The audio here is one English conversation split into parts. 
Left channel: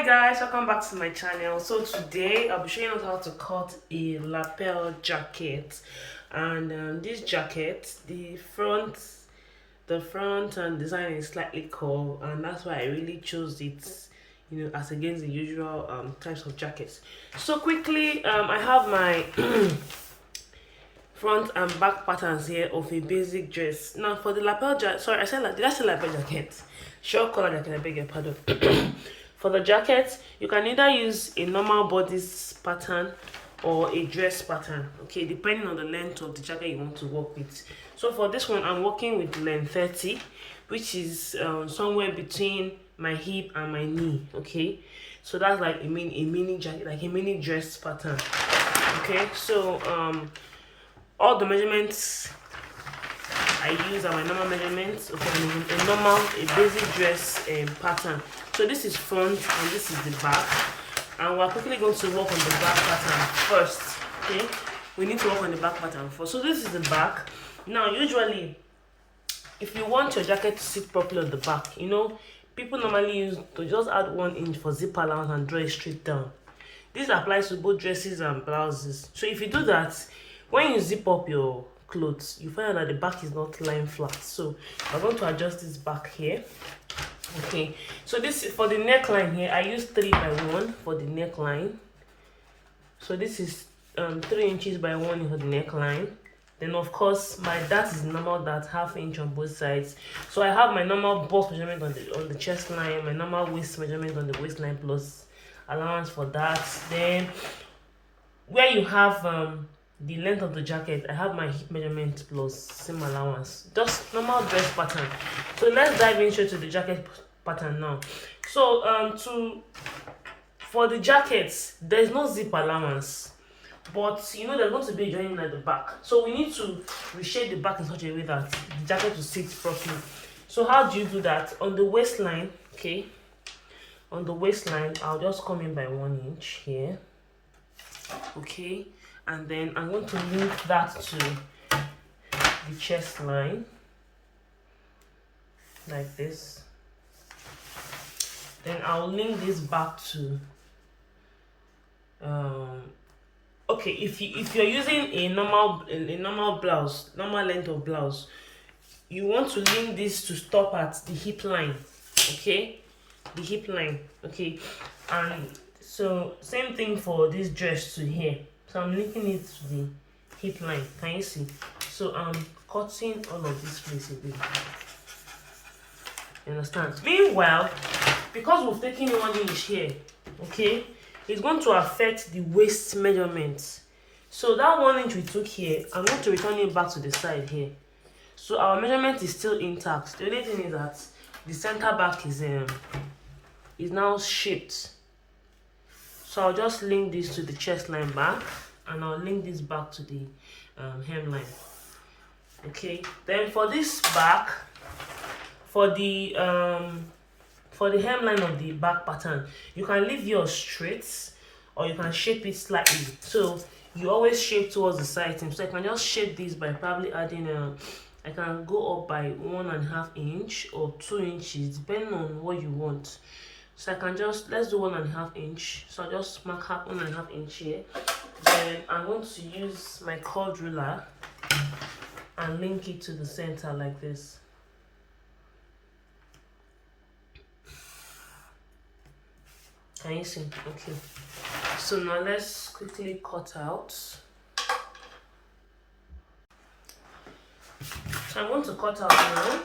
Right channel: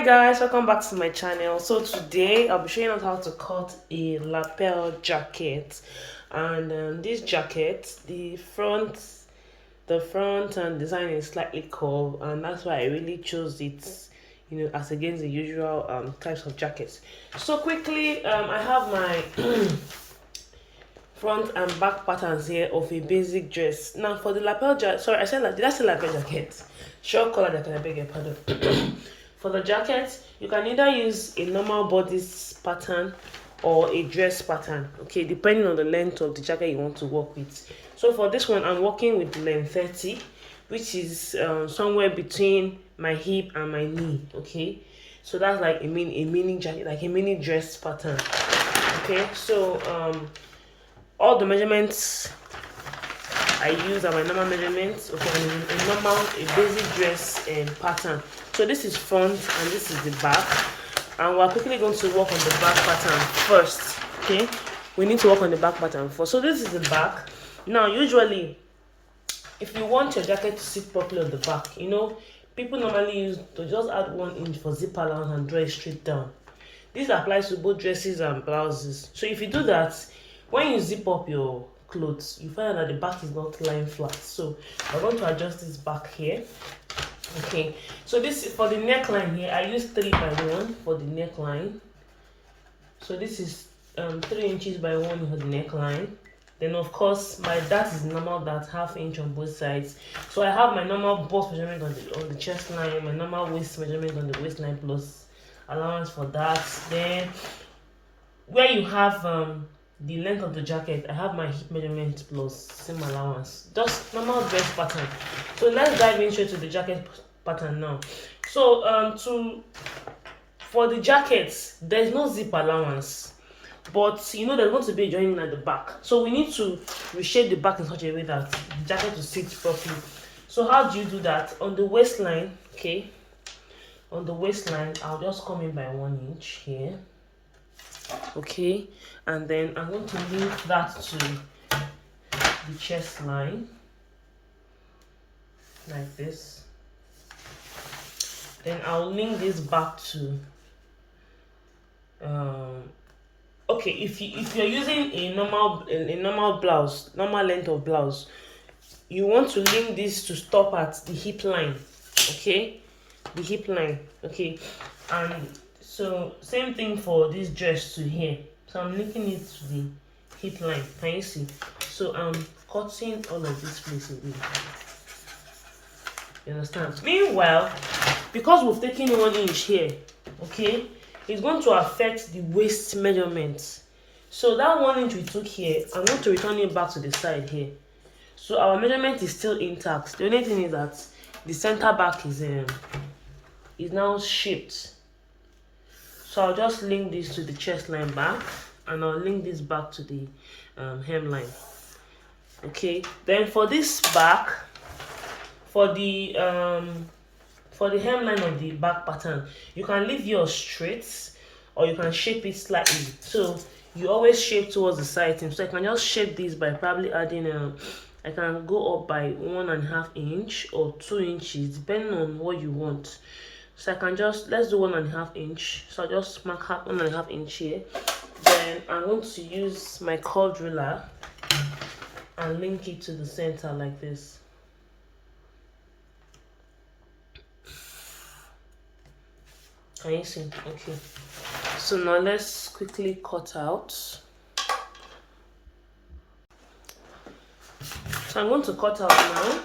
Hi guys, welcome back to my channel. So today I'll be showing us how to cut a lapel jacket. And this jacket, the front and design is slightly curved, and that's why I really chose it, as against the usual types of jackets. So quickly, I have my front and back patterns here of a basic dress. Now for the lapel jacket, sorry, did I say lapel jacket? Short collar jacket, I beg your pardon. For the jacket, you can either use a normal bodice pattern or a dress pattern, okay, depending on the length of the jacket you want to work with. So for this one, I'm working with length 30, which is somewhere between my hip and my knee, okay. So that's like a mini jacket, like a mini dress pattern, okay. So all the measurements I use are my normal measurements, okay, and a basic dress pattern. So this is front and this is the back, and we're quickly going to work on the back pattern first. Okay, we need to work on the back pattern first. So this is the back. Now usually, if you want your jacket to sit properly on the back, people normally use to just add 1 inch for zip allowance and draw it straight down. This applies to both dresses and blouses. So if you do that, when you zip up your clothes, you find out that the back is not lying flat. So we're going to adjust this back here. Okay, so this is for the neckline here. I use 3 by 1 for the neckline. So this is 3 inches by 1 for the neckline. Then of course my dart is normal dart, ½ inch on both sides. So I have my normal bust measurement on the chest line, my normal waist measurement on the waistline plus allowance for that. Then where you have the length of the jacket, I have my hip measurement plus seam allowance. Just normal dress pattern. So let's dive into the jacket pattern now. So for the jackets, there's no zip allowance, but there's going to be a joining at the back. So we need to reshape the back in such a way that the jacket will sit properly. So how do you do that? On the waistline, okay, on the waistline, I'll just come in by 1 inch here, okay, and then I'm going to link that to the chest line like this. Then I'll link this back to okay, if you're using a normal blouse, normal length of blouse, you want to link this to stop at the hip line, okay, the hip line, okay. And so same thing for this dress to here. So I'm linking it to the hip line. Can you see? So I'm cutting all of this place away. You understand? Meanwhile, because we've taken 1 inch here, okay, it's going to affect the waist measurements. So that 1 inch we took here, I'm going to return it back to the side here. So our measurement is still intact. The only thing is that the center back is now shaped. So I'll just link this to the chest line back, and I'll link this back to the hemline. Okay, then for this back, for the hemline of the back pattern, you can leave yours straight or you can shape it slightly. So you always shape towards the side. So I can just shape this by probably adding I can go up by 1.5 inch or 2 inches depending on what you want. So I can just, let's do 1.5 inch. So I'll just mark 1.5 inch here. Then I'm going to use my curved ruler and link it to the center like this. Can you see? Okay. So now let's quickly cut out. So I'm going to cut out now.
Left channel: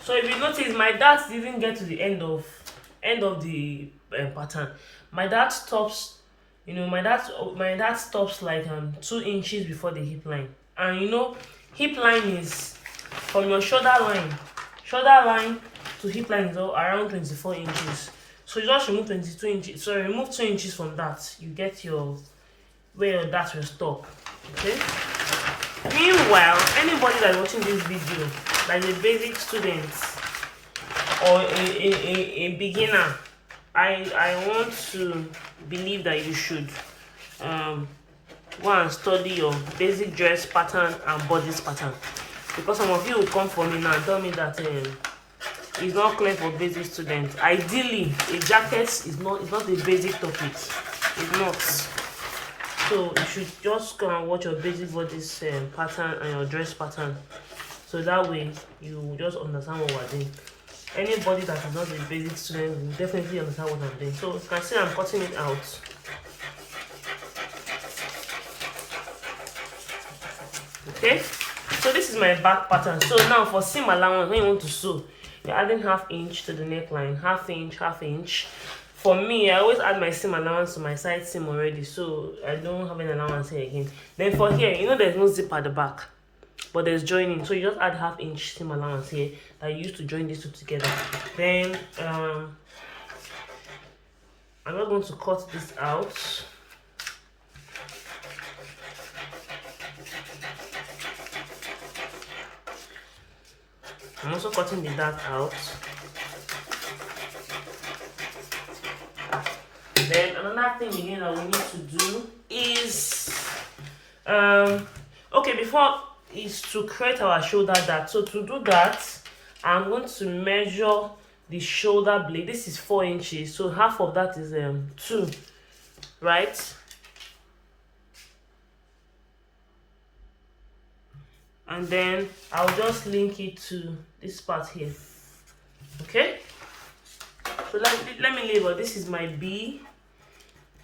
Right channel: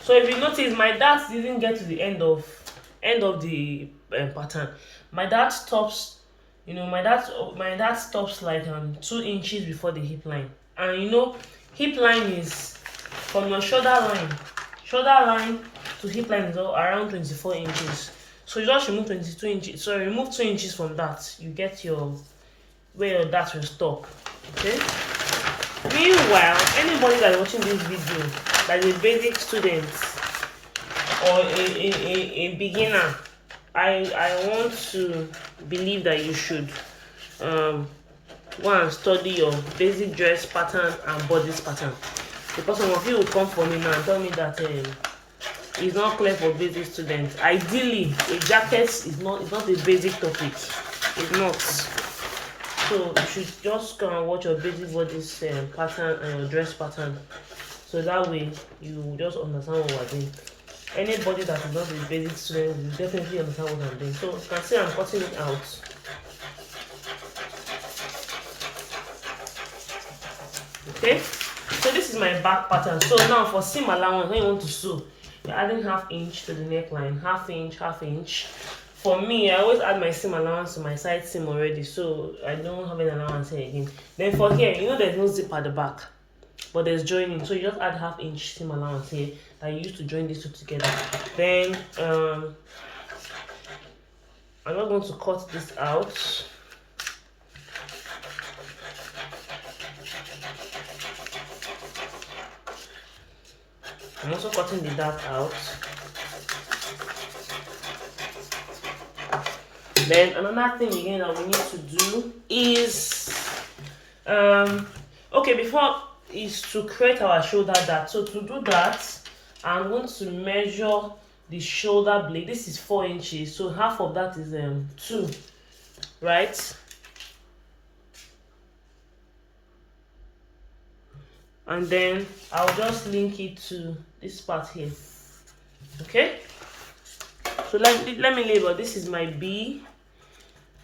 So if you notice, my dart didn't get to the end of the pattern. My dart stops, my dart stops like 2 inches before the hip line. And hip line is from your shoulder line to hip line is around 24 inches. So you just remove 22 inches. So remove 2 inches from that. You get where your dart will stop. Okay. Meanwhile, anybody that's watching this video that is a basic student or a beginner, I want to believe that you should go and study your basic dress pattern and bodice pattern, because some of you will come for me now and tell me that it's not clear for basic students. Ideally, a jacket is not a basic topic. It's not. So you should just go and watch your basic bodice pattern and your dress pattern, so that way you will just understand what we're doing. Anybody that is not a basic student will definitely understand what I'm doing. So you can see I'm cutting it out. Okay, so this is my back pattern. So now for seam allowance, when you want to sew, you're adding 1/2 inch to the neckline, 1/2 inch, 1/2 inch. For me, I always add my seam allowance to my side seam already, so I don't have an allowance here again. Then for here, you know there's no zip at the back, but there's joining, so you just add 1/2 inch seam allowance here that you use to join these two together. Then I'm not going to cut this out. I'm also cutting the dart out. Then another thing again that we need to do is okay, before is to create our shoulder dart. So to do that, I'm going to measure the shoulder blade. This is 4 inches, so half of that is 2, right? And then I'll just link it to this part here. Okay, so let me label. This is my B,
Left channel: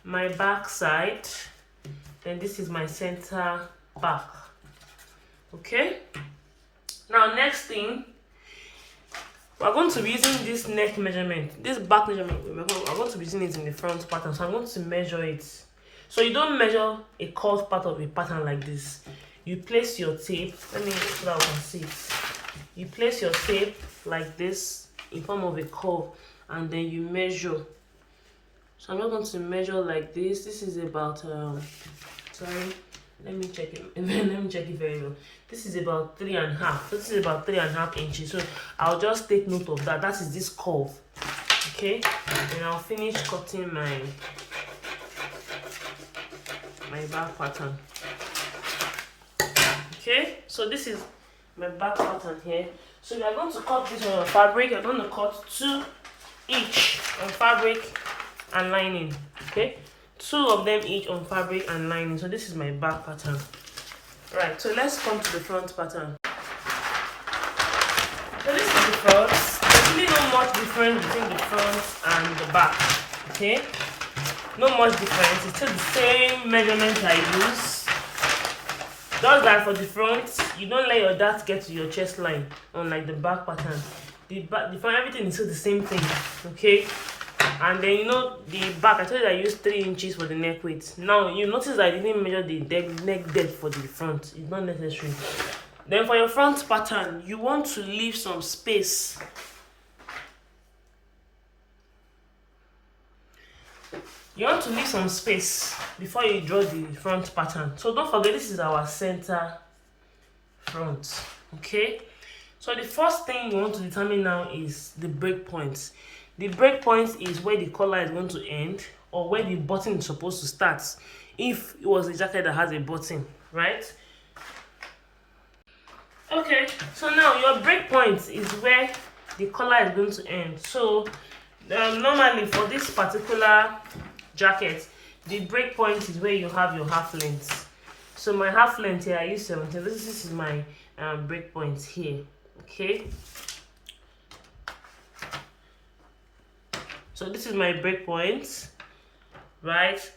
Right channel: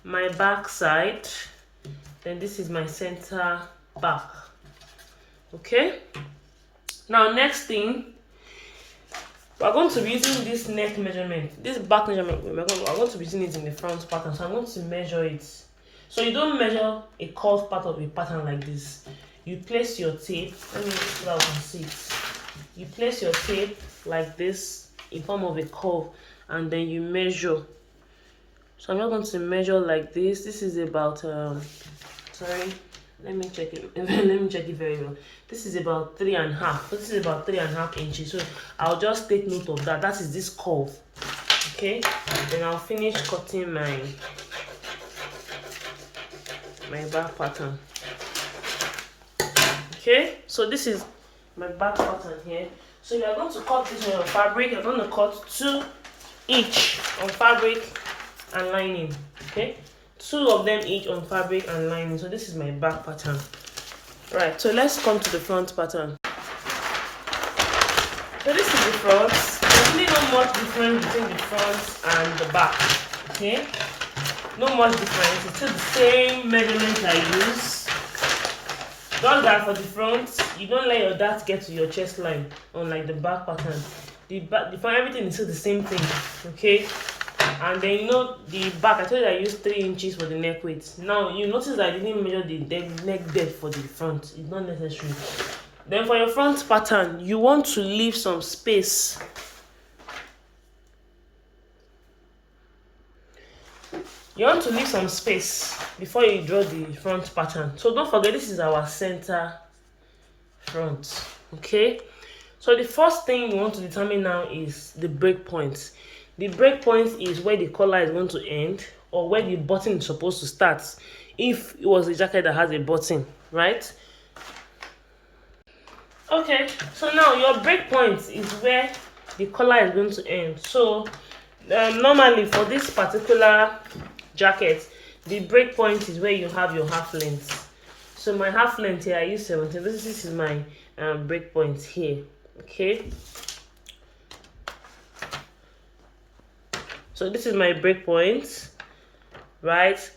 my back side, then this is my center back. Okay, now next thing, we're going to be using this neck measurement, this back measurement. We're going to be using it in the front pattern, so I'm going to measure it. So you don't measure a curved part of a pattern like this. You place your tape, let me so that we can see it. You place your tape like this in form of a curve, and then you measure. So I'm not going to measure like this. This is about sorry, let me check it. Let me check it very well. This is about 3.5. So this is about 3.5 inches. So I'll just take note of that. That is this curve. Okay, then I'll finish cutting my back pattern. Okay, so this is my back pattern here. So you are going to cut this on your fabric. You're going to cut 2 each on fabric and lining. Okay, 2 of them each on fabric and lining. So this is my back pattern. Right, so let's come to the front pattern. So this is the front. There's really not much difference between the front and the back. Okay, not much difference. It's still the same measurement I use. Just that for the front, you don't let your dart get to your chest line, unlike the back pattern. The front, everything is still the same thing. Okay, and then you know the back, I told you I used 3 inches for the neck width. Now you notice that I didn't measure the neck depth for the front. It's not necessary. Then for your front pattern, you want to leave some space. You want to leave some space before you draw the front pattern. So don't forget, this is our center front. Okay, so the first thing you want to determine now is the break point. The break point is where the collar is going to end, or where the button is supposed to start, if it was a jacket that has a button, right? Okay, so now your break point is where the collar is going to end. So normally for this particular jacket, the break point is where you have your half length. So my half length here, I use 17. This is my break point here. Okay, so this is my break point, right?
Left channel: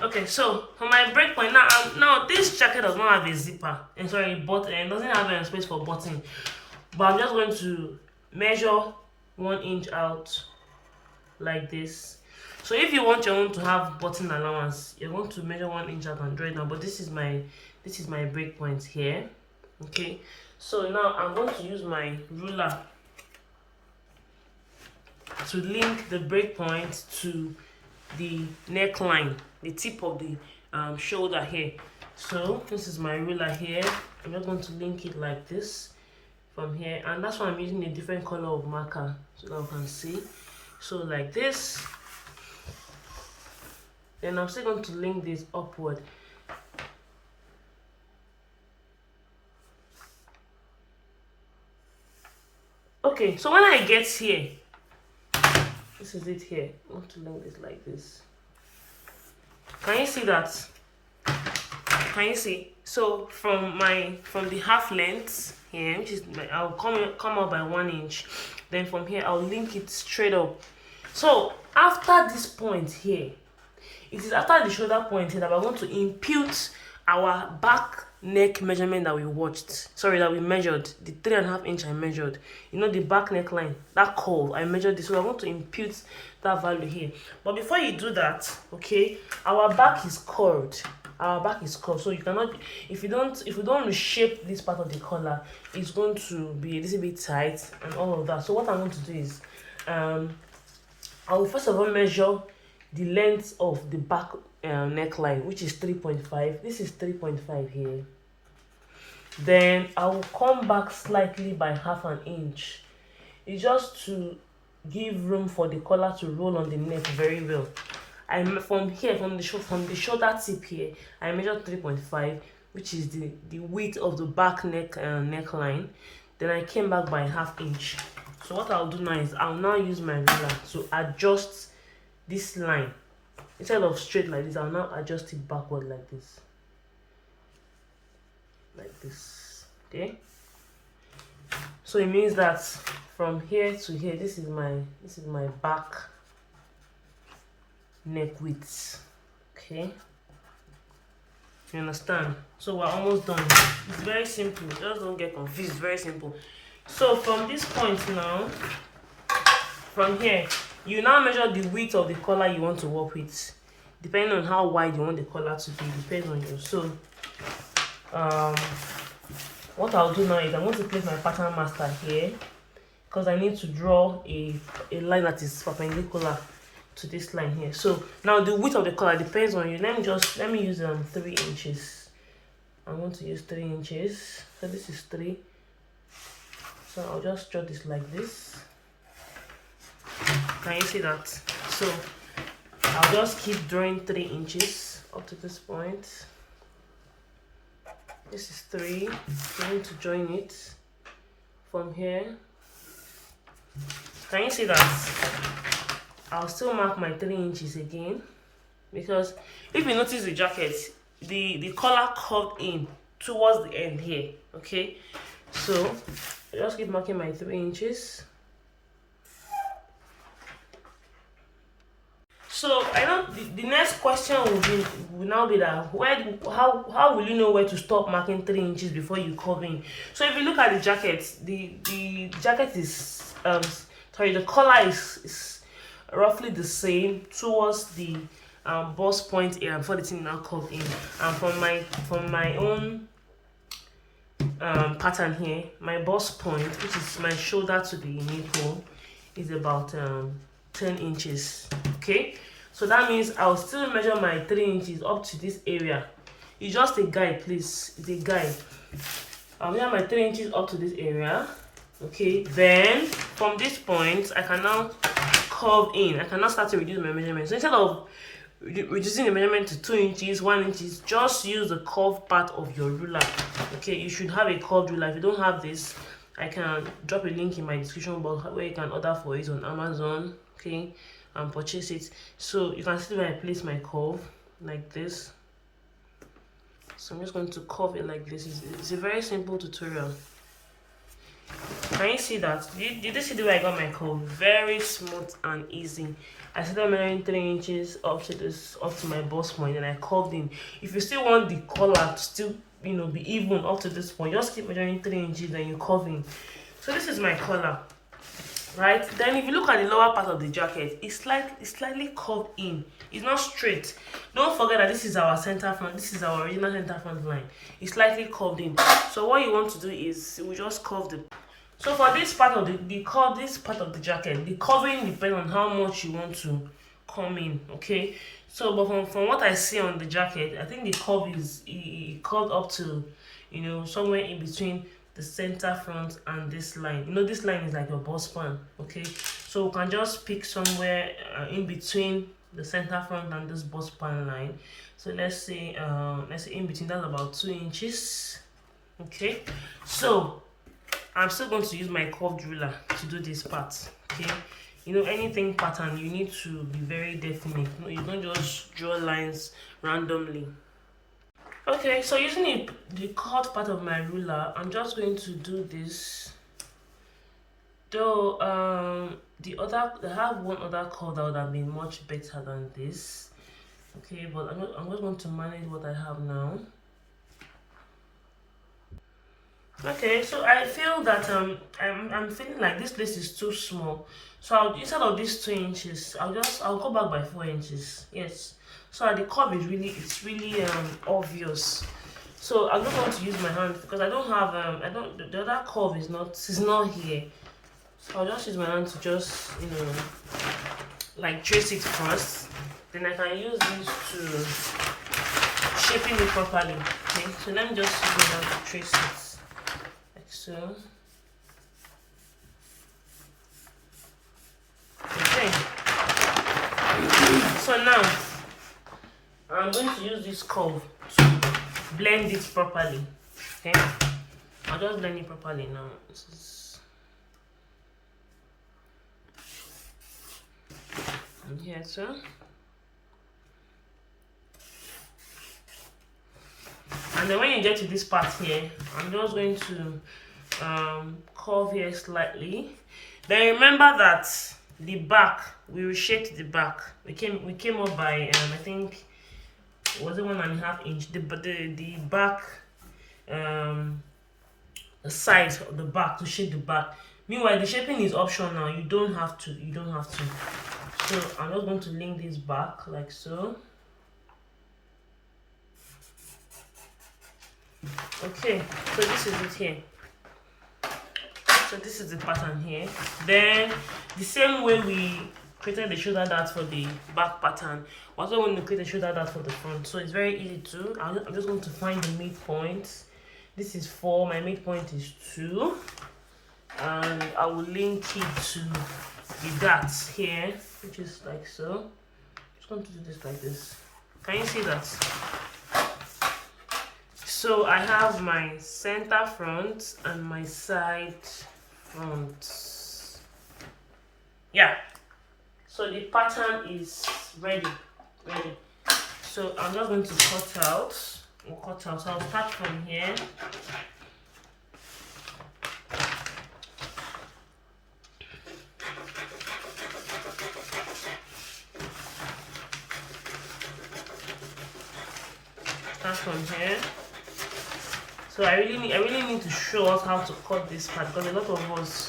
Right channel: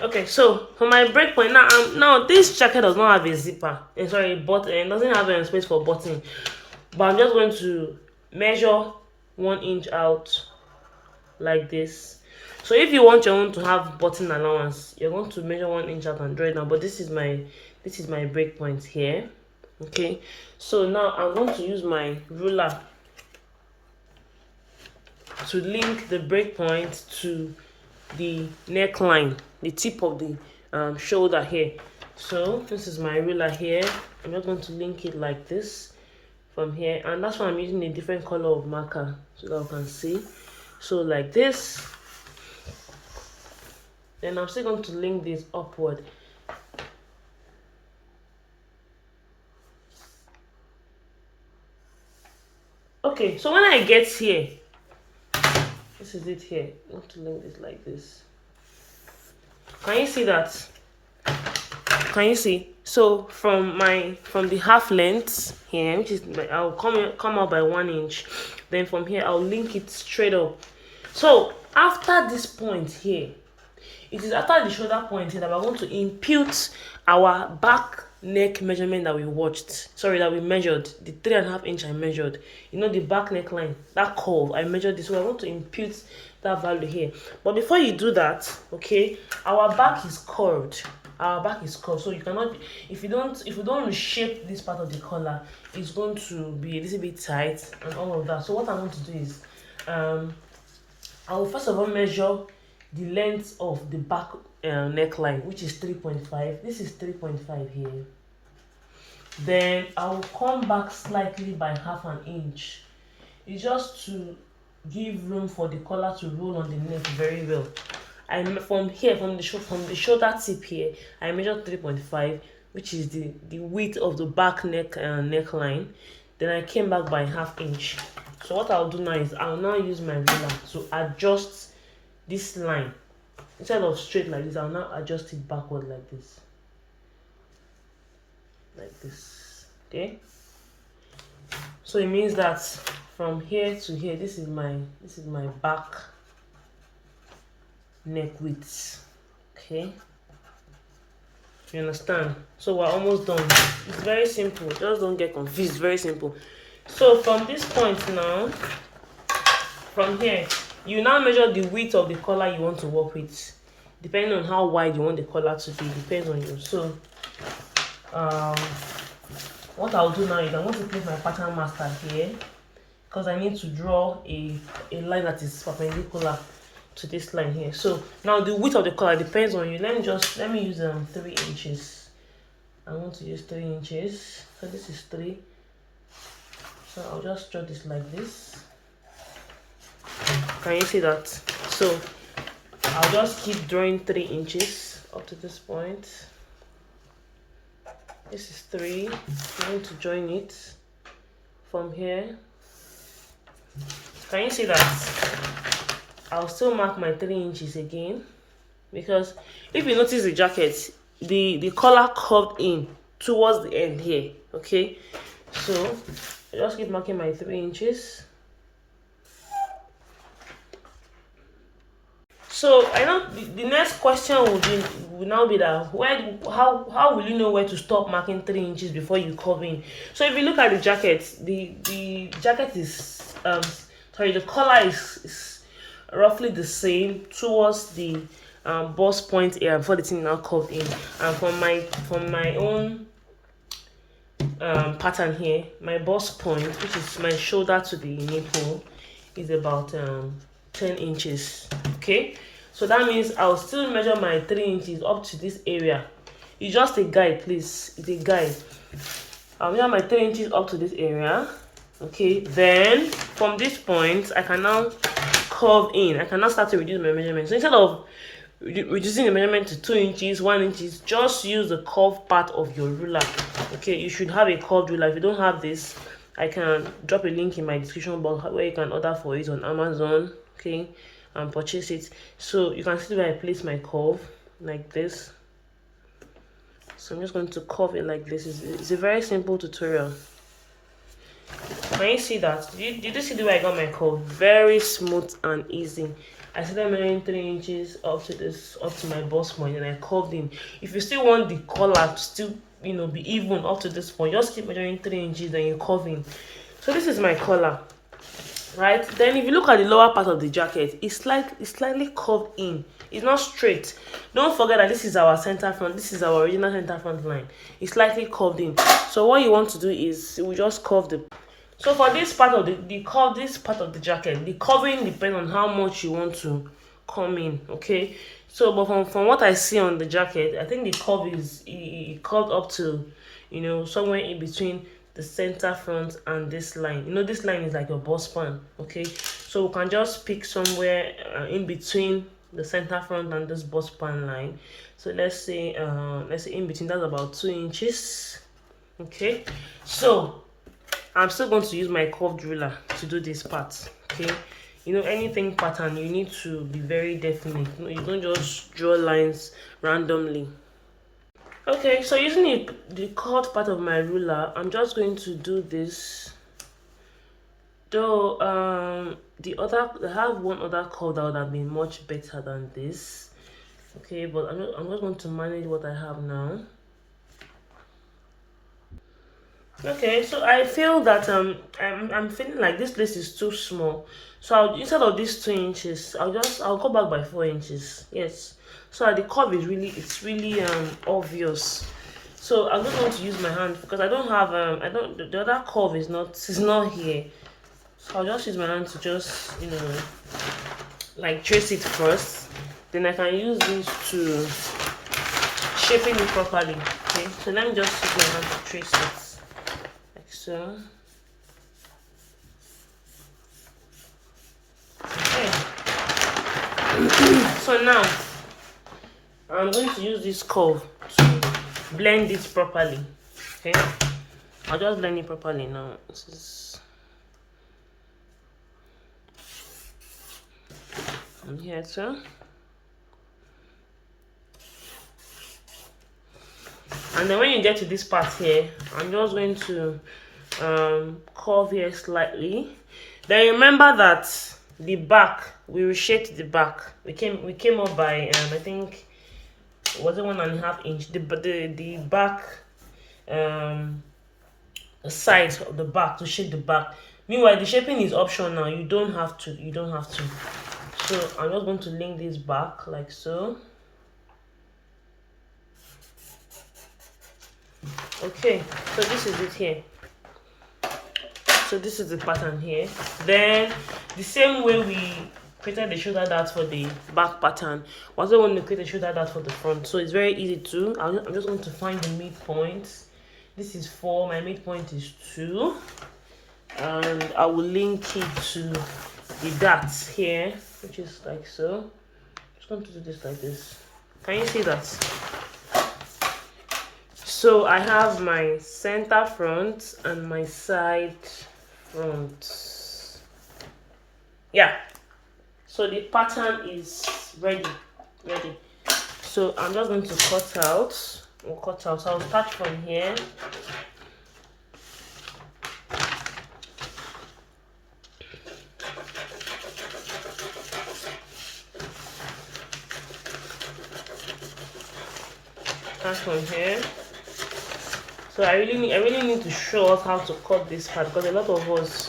Okay, so for my break point now, now this jacket does not have a zipper, and sorry, a button, it doesn't have a space for button, but I'm just going to measure 1 inch out like this. So if you want your own to have button allowance, you're going to measure 1 inch out and draw it now. But this is my break point here. Okay, so now I'm going to use my ruler to link the break point to the neckline, the tip of the shoulder here. So this is my ruler here. I'm just going to link it like this from here, and that's why I'm using a different color of marker so that I can see. So like this, Then I'm still going to link this upward. Okay, so when I get here, this is it here. I want to link this like this. Can you see that? Can you see? So from the half length here, which is I'll come out by 1 inch. Then from here I'll link it straight up. So after this point here, it is after the shoulder point here that we're going to impute our back neck measurement that we measured, the 3.5 inch I measured. You know, the back neckline, that curve, I measured this. So I want to impute that value here. But before you do that, okay, our back is curved. So you cannot, if you don't reshape this part of the collar, it's going to be a little bit tight and all of that. So what I'm going to do is I will first of all measure the length of the back neckline, which is 3.5. This is 3.5 here. Then I will come back slightly by 0.5 inch. It's just to give room for the collar to roll on the neck very well. From the shoulder tip here, I measured 3.5, which is the width of the back neckline. Then I came back by 0.5 inch. So what I'll do now is I'll now use my ruler to adjust this line. Instead of straight like this, I'll now adjust it backward like this. Like this. Okay? So it means that from here to here, this is my back neck width. Okay? You understand? So we're almost done. It's very simple. Just don't get confused. Very simple. So from this point now, from here, you now measure the width of the collar you want to work with, depending on how wide you want the collar to be. Depends on you. So what I'll do now is I'm going to place my pattern master here, because I need to draw a line that is perpendicular to this line here. So now the width of the collar depends on you. Let me use 3 inches. I'm going to use 3 inches. So this is 3. So I'll just draw this like this. Can you see that? So I'll just keep drawing 3 inches up to this point. This is 3. I'm going to join it from here. Can you see that? I'll still mark my 3 inches again, because if you notice the jacket, the collar curved in towards the end here. Okay, so I just keep marking my 3 inches. So I know the next question will now be that how will you know where to stop marking 3 inches before you curve in? So if you look at the jacket, the jacket is the collar is roughly the same towards the bust point here before the thing now curved in. And from my own pattern here, my bust point, which is my shoulder to the nipple, is about 10 inches. Okay, so that means I'll still measure my 3 inches up to this area. It's just a guide, please. It's a guide. I'll measure my 3 inches up to this area. Okay, then from this point I can now curve in. I can now start to reduce my measurement. So instead of reducing the measurement to 2 inches, 1 inch, just use the curved part of your ruler. Okay, you should have a curved ruler. If you don't have this, I can drop a link in my description box where you can order for it on Amazon. Okay, and purchase it. So you can see where I place my curve like this. So I'm just going to curve it like this. It's a very simple tutorial. Can you see that? Did you see the way I got my curve? Very smooth and easy. I started measuring 3 inches up to my bust point, and I curved in. If you still want the collar to still be even up to this point, just keep measuring 3 inches and you curve in. So this is my collar, right? Then if you look at the lower part of the jacket, it's slightly curved in. It's not straight. Don't forget that this is our center front. This is our original center front line. It's slightly curved in. So what you want to do is we just curve the. So for this part of this part of the jacket, the curving depends on how much you want to come in. Okay. So, but from what I see on the jacket, I think the curve is curved up to, somewhere in between the center front and this line. This line is like your bust span. Okay. So we can just pick somewhere in between the center front and this bust span line. So let's say in between, that's about 2 inches. Okay, so I'm still going to use my curved ruler to do this part. Okay, you know, anything pattern, you need to be very definite. You don't just draw lines randomly. Okay, so using the curved part of my ruler, I'm just going to do this. Though I have one other curve that would have been much better than this. Okay, but I'm just going to manage what I have now. Okay, so I feel that I'm feeling like this place is too small. So instead of these 2 inches, I'll go back by 4 inches. Yes. So the curve is really obvious. So I'm just going to use my hand because I don't have the other curve is not here. So I'll just use my hand to just like trace it first. Then I can use this to shaping it properly. Okay, so let me just use my hand to trace it. So, okay. So now I'm going to use this curve to blend it properly. Okay, I'll just blend it properly now. This is here too. And then when you get to this part here, I'm just going to curve here slightly. Then remember that the back, we reshaped the back. We came up by I think was it 1.5 inch. The back the size of the back to shape the back. Meanwhile, the shaping is optional. You don't have to. So I'm just going to link this back like so. Okay, so this is it here. So this is the pattern here. Then the same way we created the shoulder dart for the back pattern, we also want to create a shoulder dart for the front. So it's very easy too. I'm just going to find the midpoint. This is 4, my midpoint is 2, and I will link it to the darts here, which is like so. I'm just going to do this like this. Can you see that? So I have my center front and my side front. Yeah. So the pattern is ready. So I'm just going to cut out. So I'll start from here. Start from here. So I really need to show us how to cut this part because a lot of us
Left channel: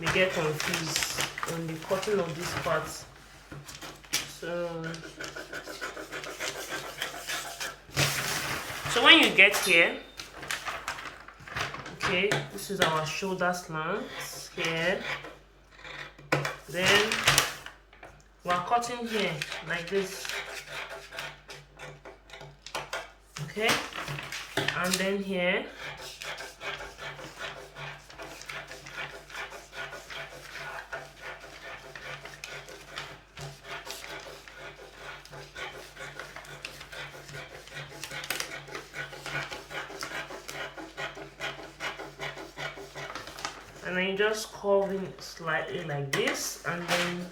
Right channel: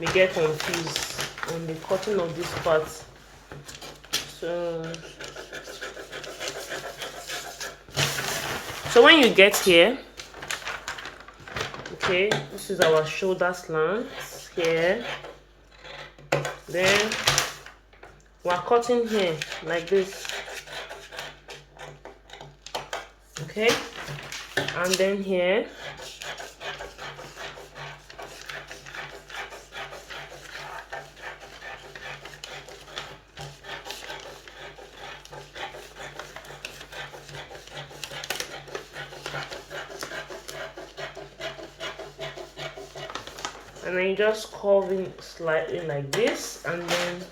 may get confused on the cutting of this part. So when you get here, okay, this is our shoulder slant here. Then we're cutting here like this. Okay, and then here and then you just curve in slightly like this, and then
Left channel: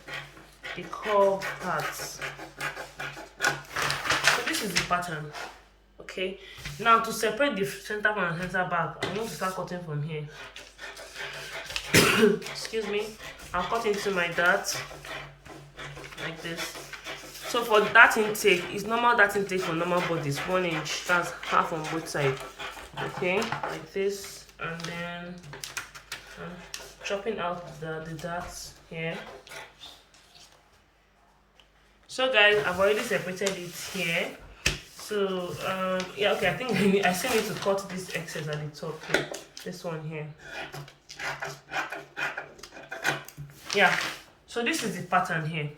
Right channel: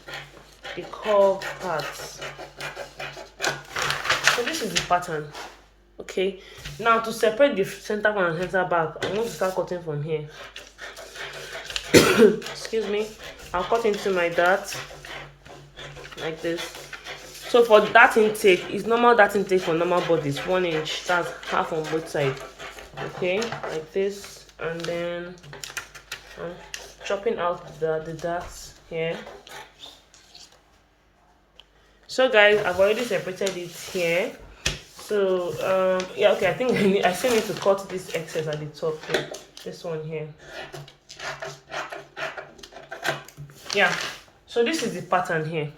the curve parts. So this is the pattern. Okay, now to separate the center from the center back, I'm going to start cutting from here. Excuse me. I'll cut into my dart like this. So for that intake, it's normal dart intake for normal bodies, 1 inch. That's half on both sides. Okay, like this, and then I'm chopping out the darts here. So guys, I've already separated it here. So yeah, okay, I think I still need to cut this excess at the top here. This one here. Yeah, so this is the pattern here.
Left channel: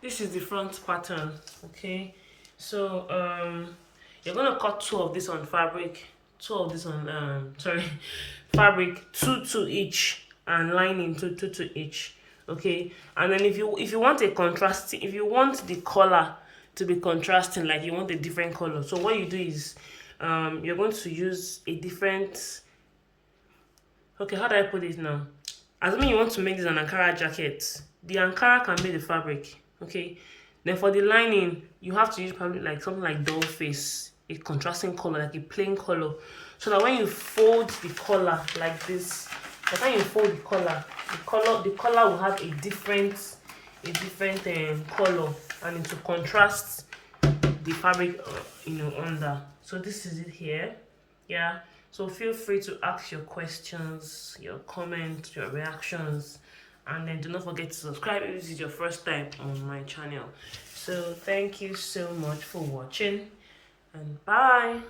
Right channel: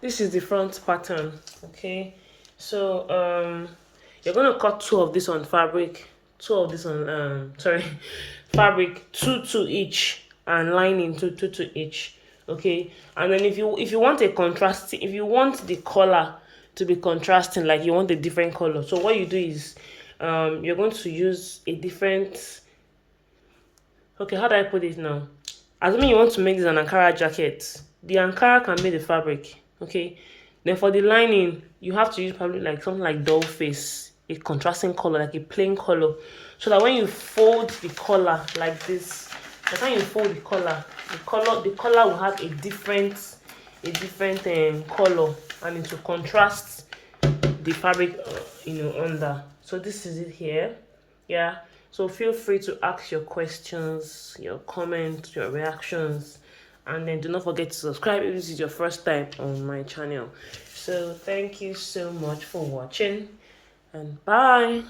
This is the front pattern. Okay, so you're gonna cut 2 of this on fabric, 2 of this on fabric, 2 each, and lining 2 each. Okay, and then if you want a contrasting, if you want the color to be contrasting, like you want a different color, so what you do is you're going to use a different, okay, how do I put it now? Assuming you want to make this an Ankara jacket, the Ankara can be the fabric, okay? Then for the lining, you have to use probably like something like doll face, a contrasting color, like a plain color, so that when you fold the collar like this, by the time you fold the color will have a different color, and it will contrast the fabric, under. So this is it here. Yeah, so feel free to ask your questions, your comments, your reactions, and then do not forget to subscribe if this is your first time on my channel. So thank you so much for watching, and bye.